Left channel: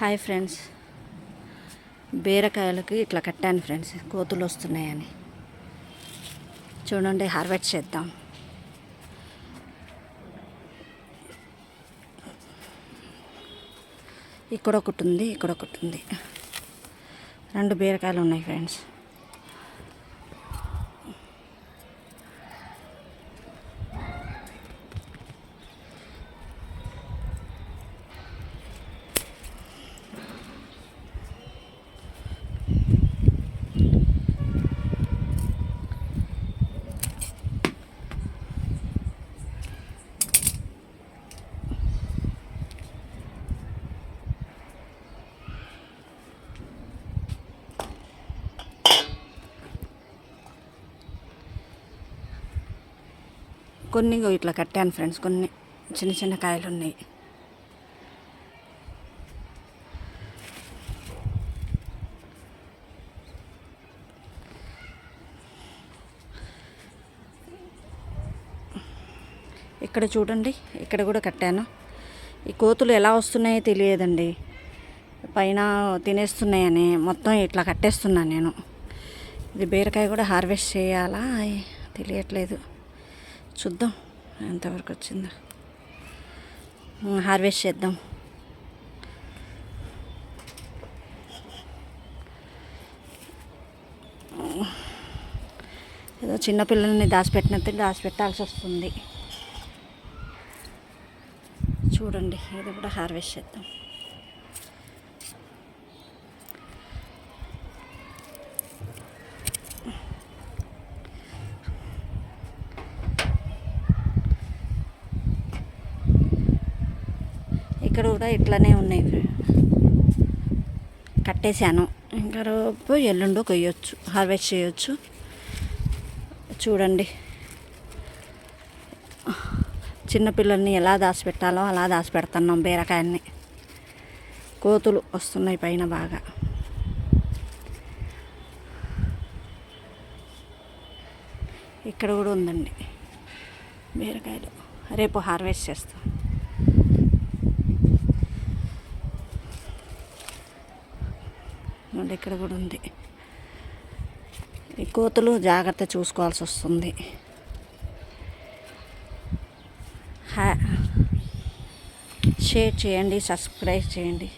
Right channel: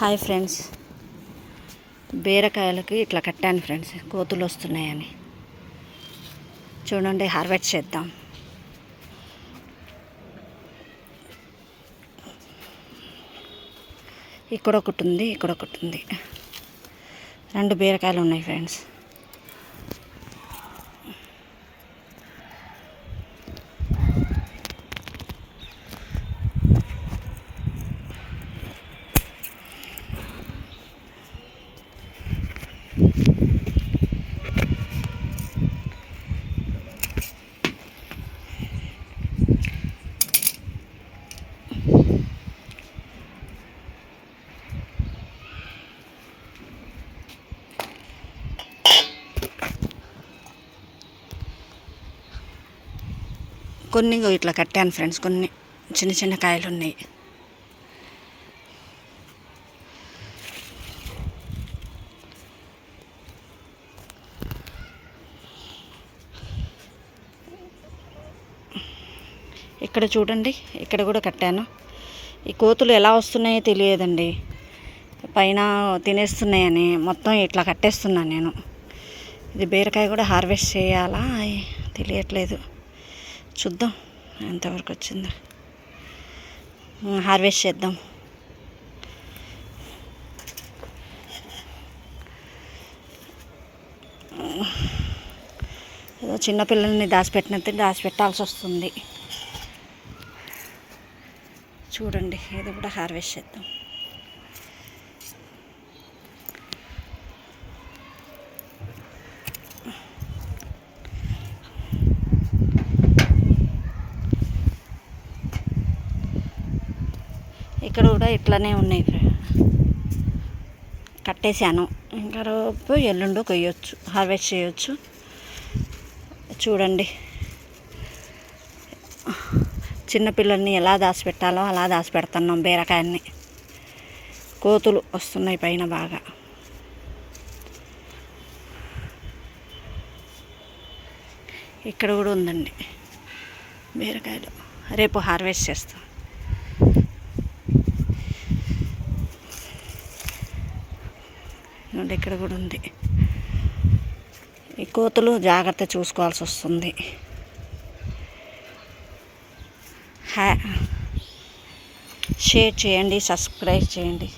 Hi friends, బీరకాయలకి ఇట్లా కట్టాను friends, కోతులు వస్తున్నాయని. చూడండి, హార్వెస్ట్ చేద్దాం. ఇక్కడ ఒకటి ఉంది, ఇక్కడ ఒకటి ఉంది. 2 బీరకాయలు ఉన్నాయి ఫ్రెండ్స్. కొన్ని ఇట్లా కట్టాను ఫ్రెండ్స్, కొన్ని చిన్న చిన్న కాయలు ఉన్నాయి. ఇక్కడ చూడండి, ఇక్కడ కూడా కట్టాను. ఈ కోతులు ఎలా వస్తున్నాయో తెలియదండి, పైన తినేస్తున్నాయని మొత్తం ఇట్లా కట్టేస్తున్నాను నేను. ఇది బీరకాయ కూడా హార్వెస్ట్ చేయాలా తెలియట్లేదు, చూద్దాం ఎంతవరకు వచ్చిందో. హార్వెస్ట్ చేద్దాం. ఏదో చిన్నపిల్లల్ని దాచిపెట్టినట్టు దాచిపెట్టాల్సి వస్తుంది. చూడండి, ఇది కూడా హార్వెస్ట్ చేద్దాం. ఇక్కడ కూడా ఇట్లానే ఉన్నాయి, కట్టేశాను. ఇంకా రేపు ఎల్లుండి కొయ్యొచ్చు, హార్వెస్ట్ చేయొచ్చు. చూడండి, చిన్నపిల్లల్ని ఎలా దాచిపెట్టాలో అలా దాచిపెడుతున్నాం బీరకాయల్ని. కోతులు వస్తున్నాయి పైన బాగా. ఇక్కడ కూడా ఉందండి బీరకాయలు, రేపు హార్వెస్ట్ చేస్తాం. ఇక్కడ కూడా ఉంది. ఈ కోతులు జాగ్రత్త చూసుకోవాల్సి వస్తుంది. షేర్ చేయండి, సబ్స్క్రైబ్ చేయండి.